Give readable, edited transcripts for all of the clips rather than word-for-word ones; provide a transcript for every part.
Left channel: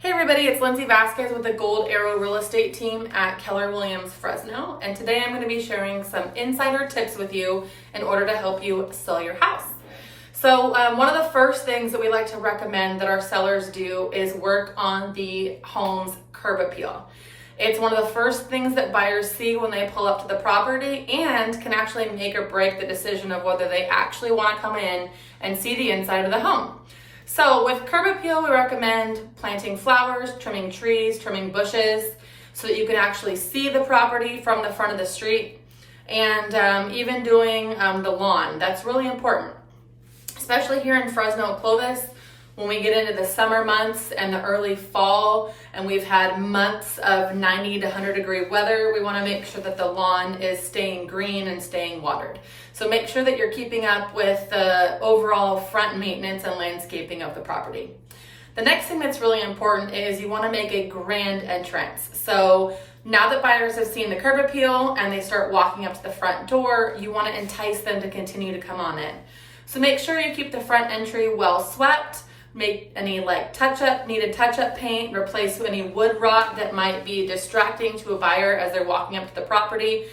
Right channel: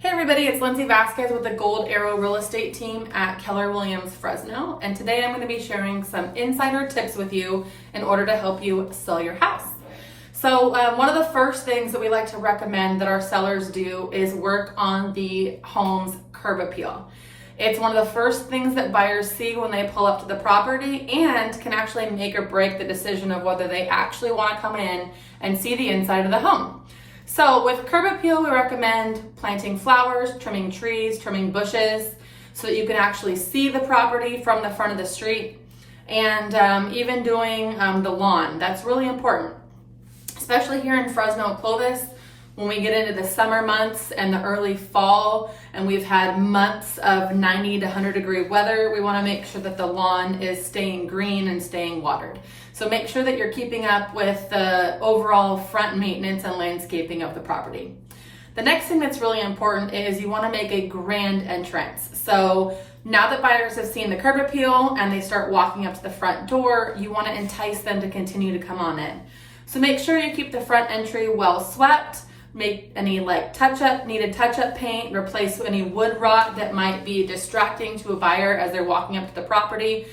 Hey everybody, it's Lindsay Vasquez with the Gold Arrow Real Estate team at Keller Williams Fresno, and today I'm going to be sharing some insider tips with you in order to help you sell your house. So one of the first things that we like to recommend that our sellers do is work on the home's curb appeal. It's one of the first things that buyers see when they pull up to the property and can actually make or break the decision of whether they actually want to come in and see the inside of the home. So with curb appeal, we recommend planting flowers, trimming trees, trimming bushes so that you can actually see the property from the front of the street, and even doing the lawn. That's really important, especially here in Fresno, Clovis. When we get into the summer months and the early fall, and we've had months of 90 to 100 degree weather, we want to make sure that the lawn is staying green and staying watered. So make sure that you're keeping up with the overall front maintenance and landscaping of the property. The next thing that's really important is you want to make a grand entrance. So now that buyers have seen the curb appeal and they start walking up to the front door, you want to entice them to continue to come on in. So make sure you keep the front entry well swept. Make any needed touch-up paint, replace any wood rot that might be distracting to a buyer as they're walking up to the property.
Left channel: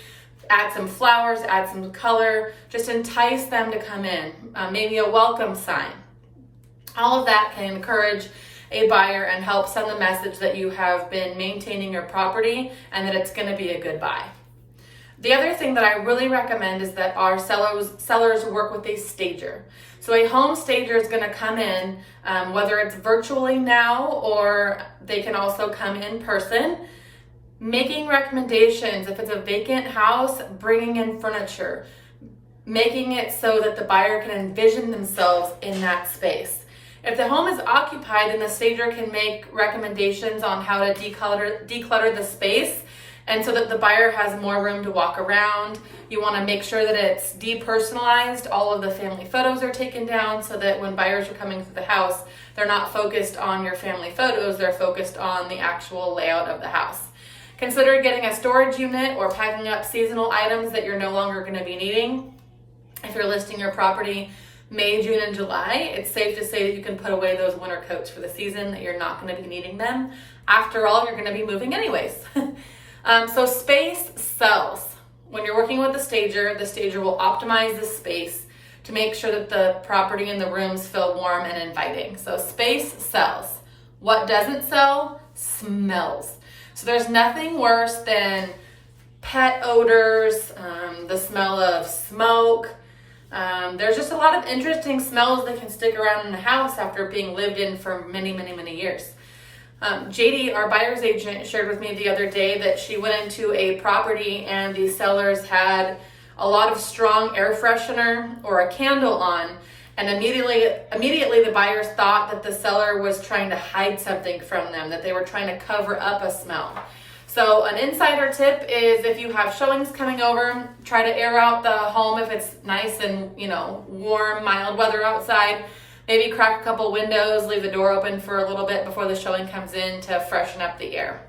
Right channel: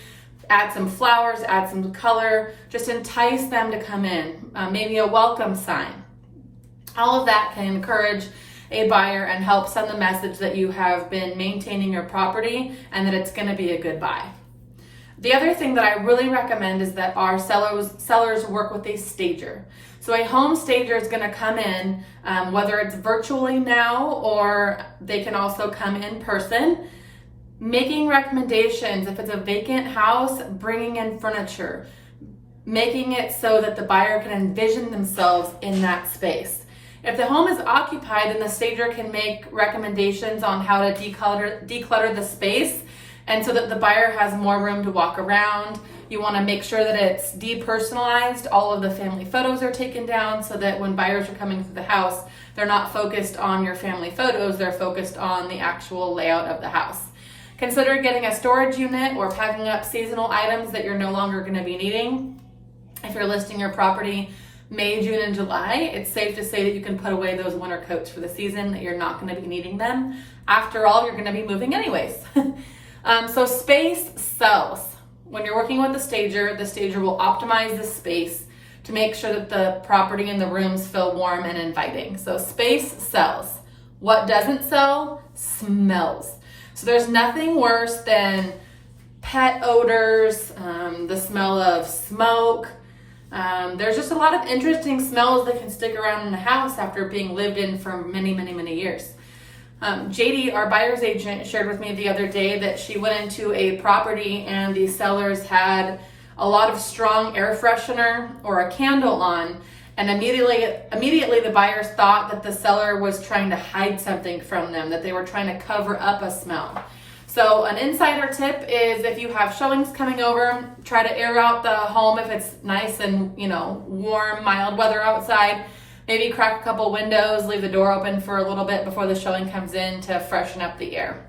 Add some flowers, add some color, just entice them to come in. Maybe a welcome sign. All of that can encourage a buyer and help send the message that you have been maintaining your property and that it's going to be a good buy. The other thing that I really recommend is that our sellers work with a stager. So a home stager is going to come in, whether it's virtually now or they can also come in person, making recommendations. If it's a vacant house, bringing in furniture, making it so that the buyer can envision themselves in that space. If the home is occupied, then the stager can make recommendations on how to declutter the space, and so that the buyer has more room to walk around. You want to make sure that it's depersonalized. All of the family photos are taken down so that when buyers are coming through the house, they're not focused on your family photos, they're focused on the actual layout of the house. Consider getting a storage unit or packing up seasonal items that you're no longer going to be needing. If you're listing your property May, June, and July, it's safe to say that you can put away those winter coats for the season, that you're not going to be needing them. After all, you're going to be moving anyways. So space sells. When you're working with the stager will optimize the space to make sure that the property and the rooms feel warm and inviting. So space sells. What doesn't sell? Smells. So there's nothing worse than pet odors, the smell of smoke. There's just a lot of interesting smells that can stick around in the house after being lived in for many, many, many years. JD, our buyer's agent, shared with me the other day that she went into a property and the sellers had a lot of strong air freshener or a candle on, and immediately the buyers thought that the seller was trying to hide something from them, that they were trying to cover up a smell. So an insider tip is, if you have showings coming over, try to air out the home if it's nice and warm, mild weather outside. Maybe crack a couple windows, leave the door open for a little bit before the showing comes in to freshen up the air.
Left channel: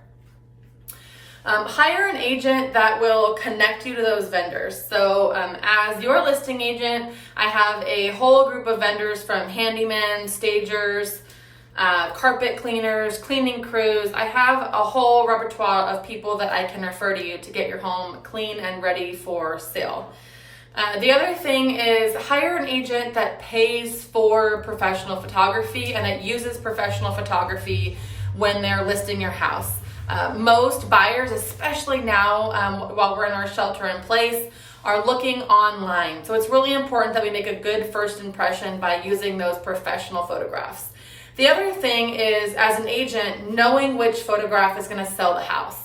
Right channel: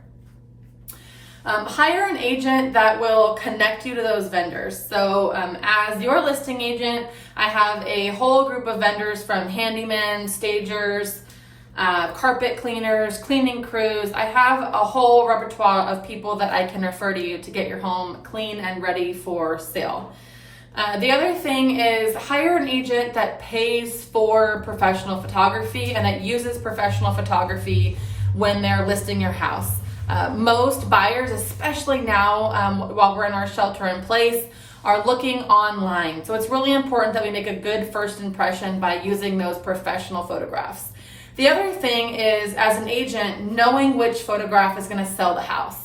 Hire an agent that will connect you to those vendors. So as your listing agent, I have a whole group of vendors, from handymen, stagers, carpet cleaners, cleaning crews. I have a whole repertoire of people that I can refer to you to get your home clean and ready for sale. The other thing is, hire an agent that pays for professional photography and that uses professional photography when they're listing your house. Most buyers, especially now while we're in our shelter in place, are looking online. So it's really important that we make a good first impression by using those professional photographs. The other thing is, as an agent, knowing which photograph is going to sell the house.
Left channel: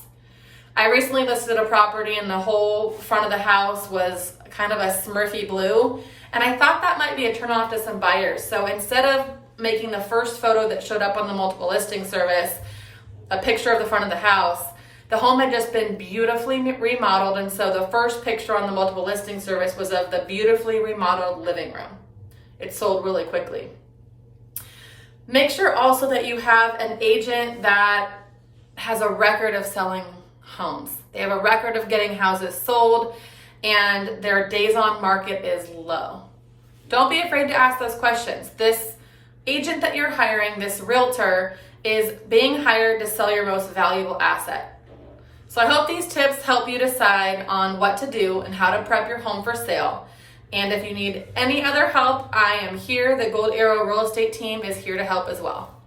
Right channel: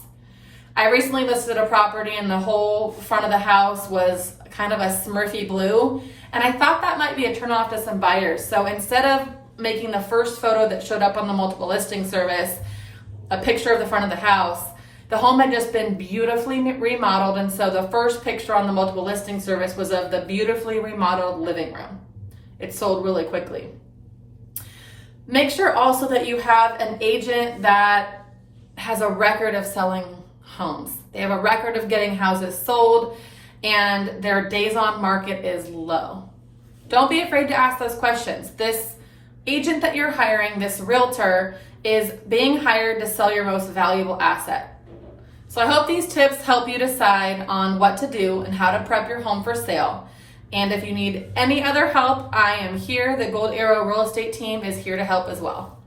I recently listed a property and the whole front of the house was kind of a Smurfy blue, and I thought that might be a turnoff to some buyers. So instead of making the first photo that showed up on the multiple listing service a picture of the front of the house, the home had just been beautifully remodeled, and so the first picture on the multiple listing service was of the beautifully remodeled living room. It sold really quickly. Make sure also that you have an agent that has a record of selling homes. They have a record of getting houses sold, and their days on market is low. Don't be afraid to ask those questions. This agent that you're hiring, this realtor, is being hired to sell your most valuable asset. So I hope these tips help you decide on what to do and how to prep your home for sale. And if you need any other help, I am here. The Gold Arrow Real Estate team is here to help as well.